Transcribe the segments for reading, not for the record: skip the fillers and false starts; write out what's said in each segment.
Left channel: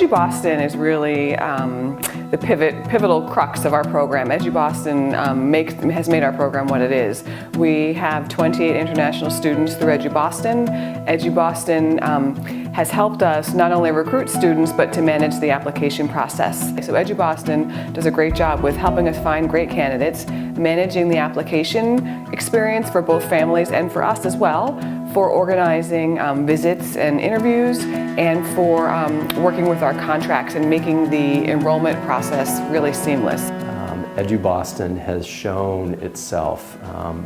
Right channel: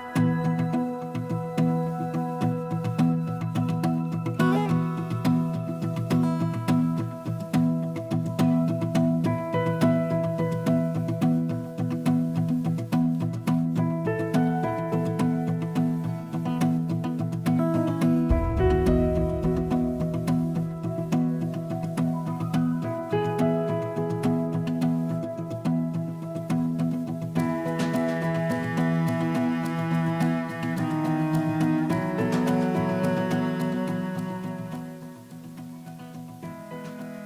EduBoston is really the pivotal crux of our program. EduBoston has made our program what it is. We have 28 international students through EduBoston. EduBoston has helped us not only recruit students, but to manage the application process. So EduBoston does a great job with helping us find great candidates, managing the application experience for both families and for us as well, for organizing visits and interviews, and for working with our contracts and making the enrollment process really seamless. EduBoston has shown itself,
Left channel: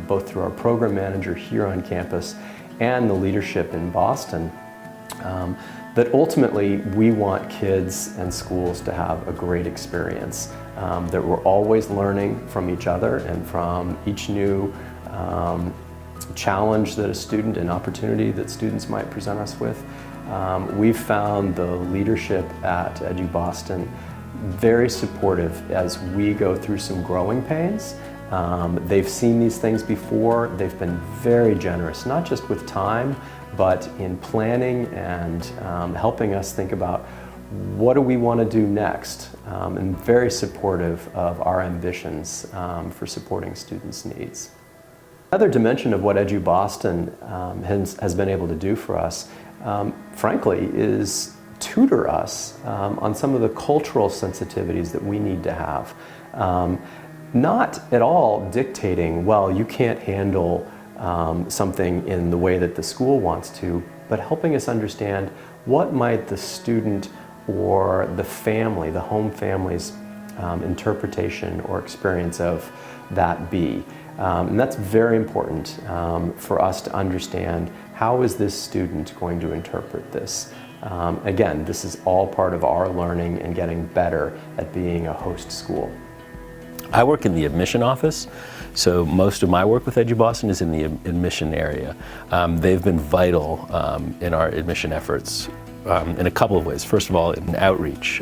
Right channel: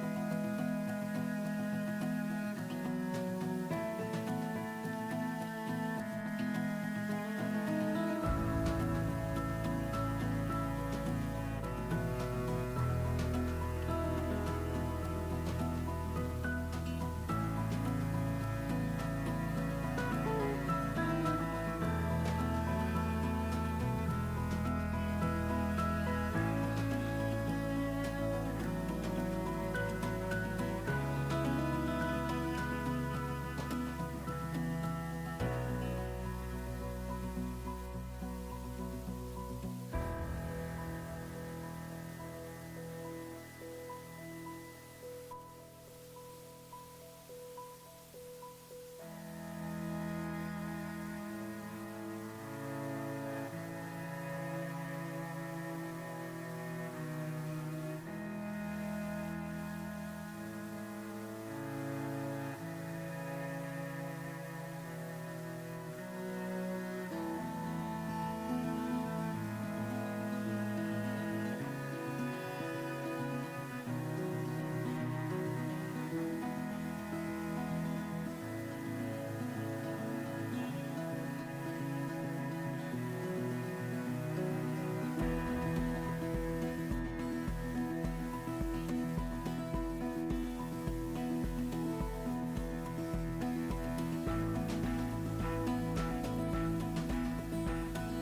both through our program manager here on campus and the leadership in Boston, that ultimately we want kids and schools to have a great experience, that we're always learning from each other and from each new challenge that a student and opportunity that students might present us with. We've found the leadership at EduBoston very supportive as we go through some growing pains. They've seen these things before. They've been very generous, not just with time, but in planning and helping us think about what do we want to do next, and very supportive of our ambitions for supporting students' needs. Another dimension of what EduBoston has been able to do for us, frankly, is tutor us on some of the cultural sensitivities that we need to have. Not at all dictating, well, you can't handle something in the way that the school wants to, but helping us understand what might the student or the family, the home family's interpretation or experience of that be. And that's very important for us to understand, how is this student going to interpret this? Again, this is all part of our learning and getting better at being a host school. I work in the admission office, so most of my work with EduBoston is in the admission area. They've been vital in our admission efforts in a couple of ways. First of all, in outreach.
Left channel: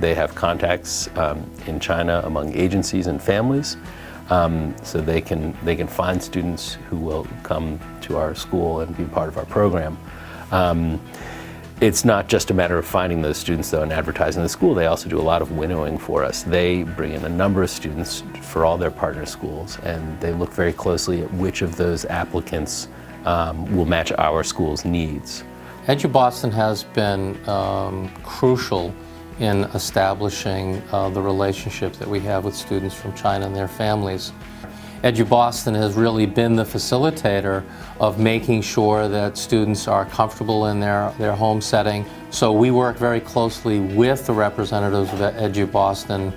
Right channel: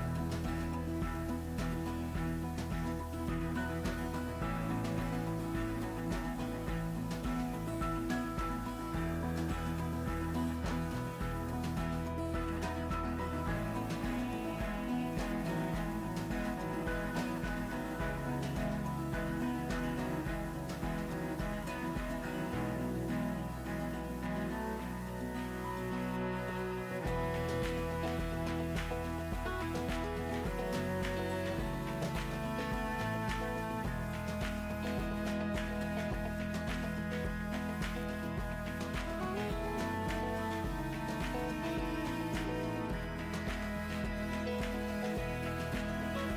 They have contacts in China among agencies and families, so they can find students who will come to our school and be part of our program. It's not just a matter of finding those students, though, and advertising the school. They also do a lot of winnowing for us. They bring in a number of students for all their partner schools, and they look very closely at which of those applicants will match our school's needs. EduBoston has been crucial in establishing the relationship that we have with students from China and their families. EduBoston has really been the facilitator of making sure that students are comfortable in their home setting. So we work very closely with the representatives of EduBoston,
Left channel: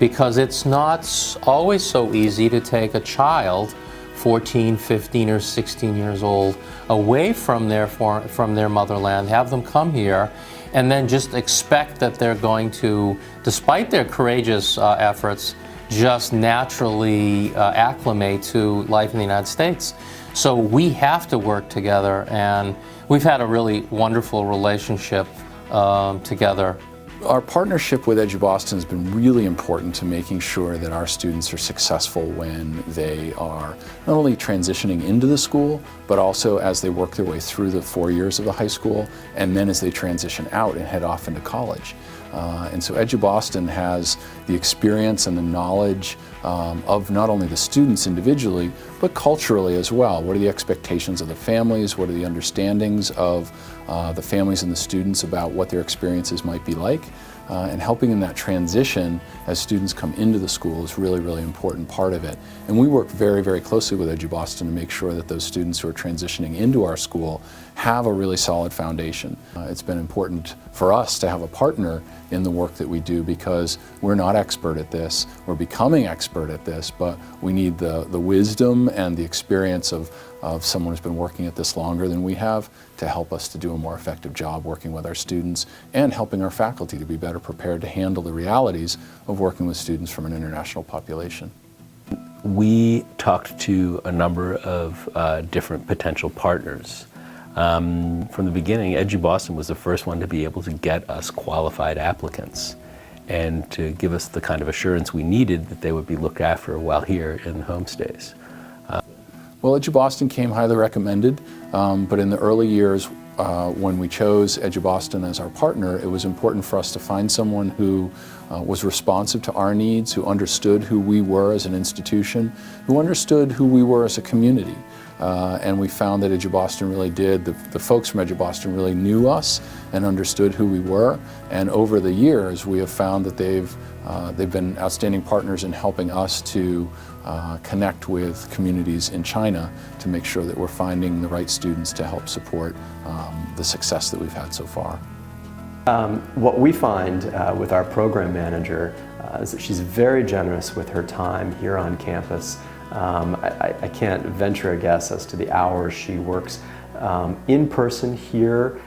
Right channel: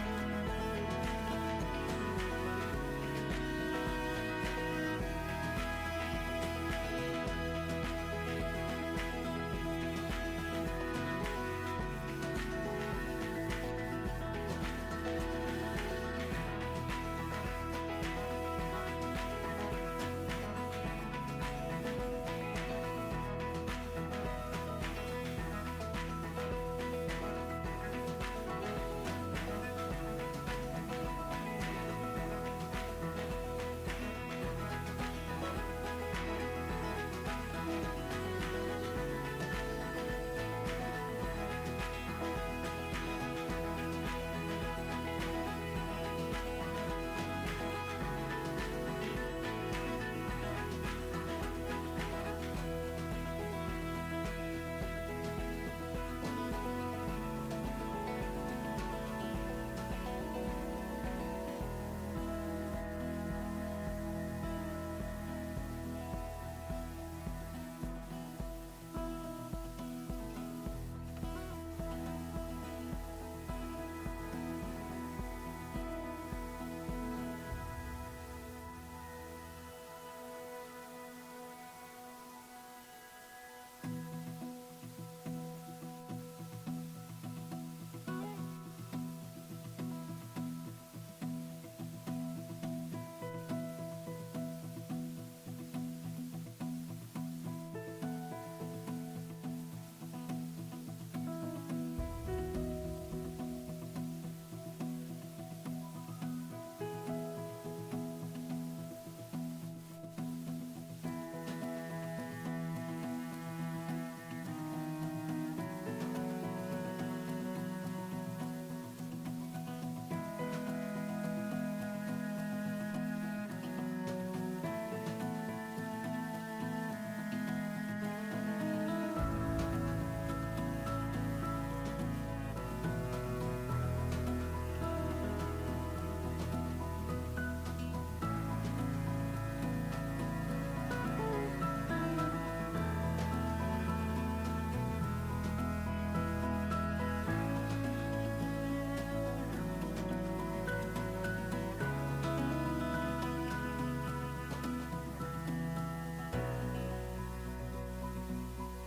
because it's not always so easy to take a child 14, 15, or 16 years old away from their motherland, have them come here, and then just expect that they're going to, despite their courageous efforts, just naturally acclimate to life in the United States. So we have to work together, and we've had a really wonderful relationship together. Our partnership with EduBoston has been really important to making sure that our students are successful when they are not only transitioning into the school, but also as they work their way through the 4 years of the high school, and then as they transition out and head off into college. And so EduBoston has the experience and the knowledge of not only the students individually, but culturally as well. What are the expectations of the families? What are the understandings of the families and the students about what their experiences might be like? And helping in that transition as students come into the school is really, really important part of it. And we work very, very closely with EduBoston to make sure that those students who are transitioning into our school have a really solid foundation. It's been important for us to have a partner in the work that we do, because we're not expert at this. We're becoming expert at this, but we need the wisdom and the experience of someone who's been working at this longer than we have to help us to do a more effective job working with our students and helping our faculty to be better prepared to handle the realities of working with students from an international population. We talked to a number of different potential partners. From the beginning, EduBoston was the first one to be able to get us qualified applicants and to give us the kind of assurance we needed that they would be looked after while here in the homestays. Well, EduBoston came highly recommended, but in the early years, when we chose EduBoston as our partner, it was important for us to find someone who was responsive to our needs, who understood who we were as an institution, who understood who we were as a community. And we found that EduBoston really did. The folks from EduBoston really knew us and understood who we were. And over the years, we have found that they've been outstanding partners in helping us to connect with communities in China to make sure that we're finding the right students to help support the success that we've had so far. What we find with our program manager is that she's very generous with her time here on campus. I can't venture a guess as to the hours she works in person here,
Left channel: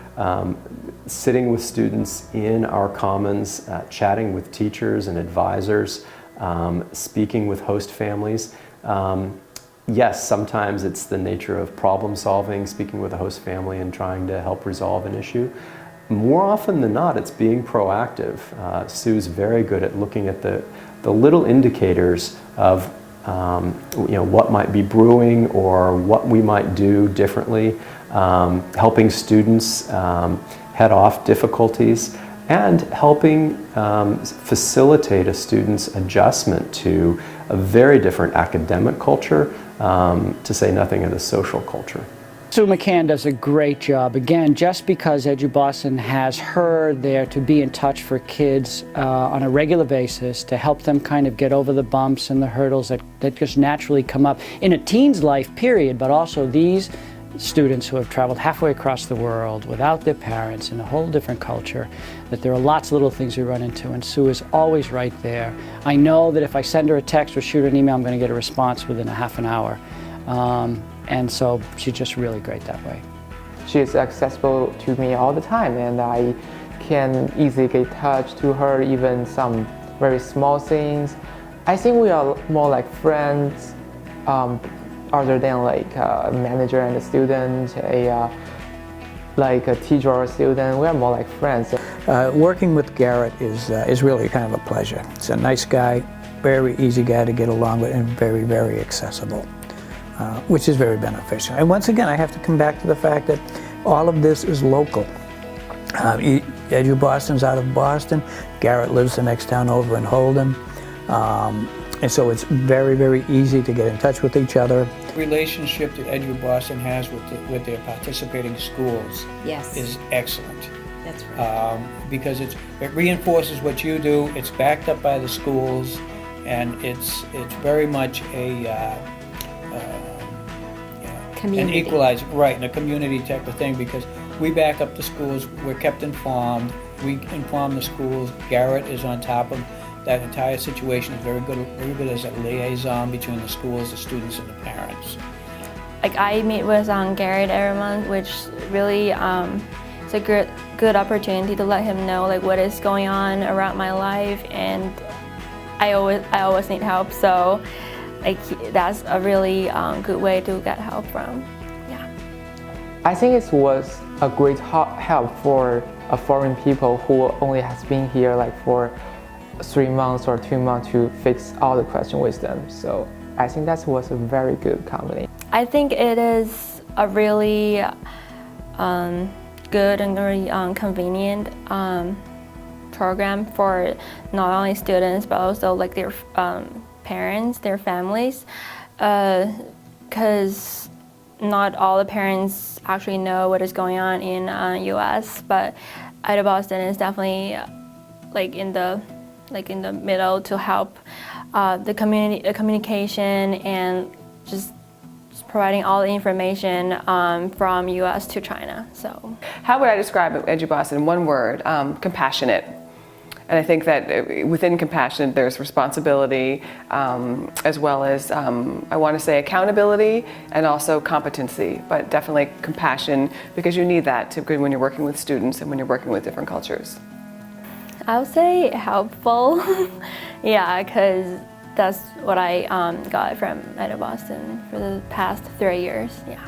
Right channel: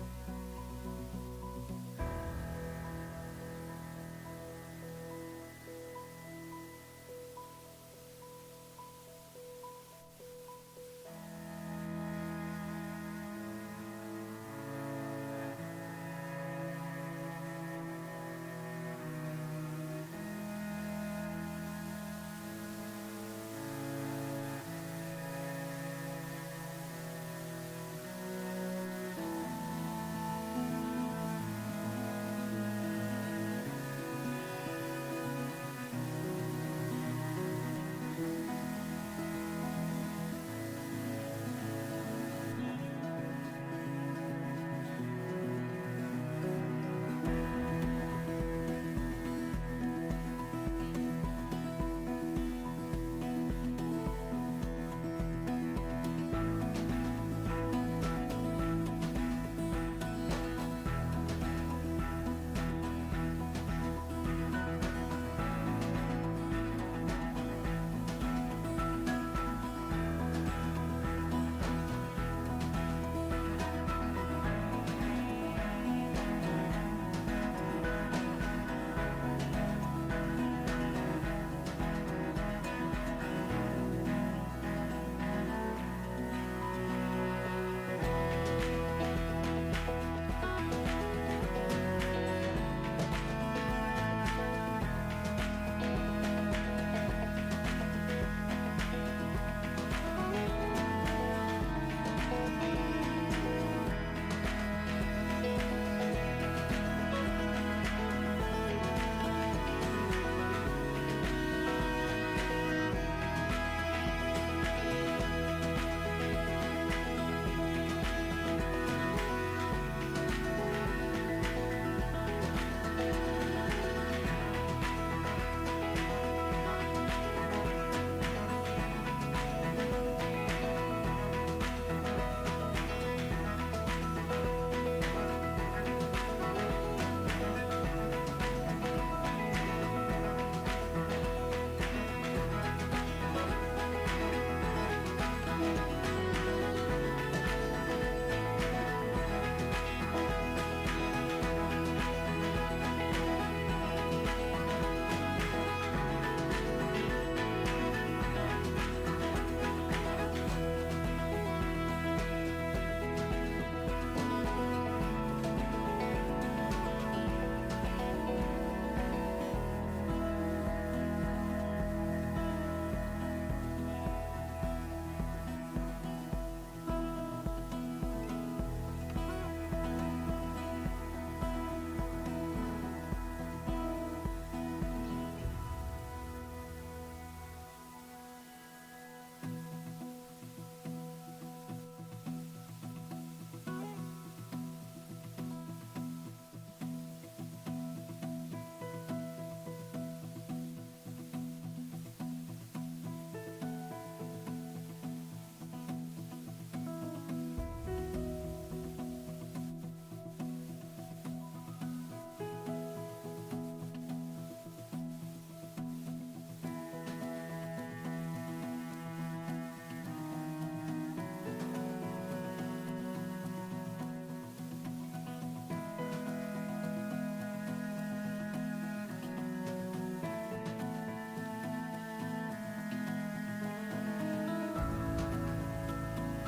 sitting with students in our commons, chatting with teachers and advisors, speaking with host families. Yes, sometimes it's the nature of problem solving, speaking with a host family and trying to help resolve an issue. More often than not, it's being proactive. Sue's very good at looking at the little indicators of what might be brewing or what we might do differently, helping students head off difficulties, and helping facilitate a student's adjustment to a very different academic culture, to say nothing of the social culture. Sue McCann does a great job. Again, just because EduBoston has her there to be in touch for kids on a regular basis to help them kind of get over the bumps and the hurdles that just naturally come up in a teen's life, period, but also these students who have traveled halfway across the world without their parents in a whole different culture, that there are lots of little things we run into, and Sue is always right there. I know that if I send her a text or shoot her an email, I'm going to get a response within a half an hour. And so she's just really great that way. She is accessible to me all the time, and I can easily get in touch to her, even some very small things. I think we are more like friends, other than like a manager and a student, like a teacher or a student. We are more like friends. Working with Garrett is really kind of a pleasure. He's a nice guy, very easy guy to get along with, and very, very accessible. Which is very beneficial. And once again, I have to come back to the fact that all of this is local. EduBoston's out of Boston. Garrett lives the next town over in Holden. And so it's very, very easy to get in touch with each other. The relationship that EduBoston has with their participating schools is excellent. That's right. Because it reinforces what you do, it's backed up by the schools, and it's very much an equalizer, right, and a community type of thing, because we back up the schools, we're kept informed, we inform the schools. Garrett is on top of that entire situation, is very good as a liaison between the schools, the students, and the parents. Like, I meet with Garrett every month, which really it's a good opportunity to let him know like what is going on around my life, and I always need help, so like that's a really good way to get help from. Yeah. I think it was a great help for foreign people who only has been here like for 3 months or 2 months to fix all the questions with them. So I think that was a very good company. I think it is a really good and very convenient program for not only students but also like their parents, their families, because not all the parents actually know what is going on in U.S. But EduBoston is definitely like in the middle to help the communication and just providing all the information from U.S. to China. So, how would I describe EduBoston in one word? Compassionate. And I think that within compassion, there's responsibility, as well as, I want to say, accountability and also competency, but definitely compassion, because you need that when you're working with students and when you're working with different cultures. I would say helpful. Yeah, because that's what I got from EduBoston for the past 3 years. Yeah.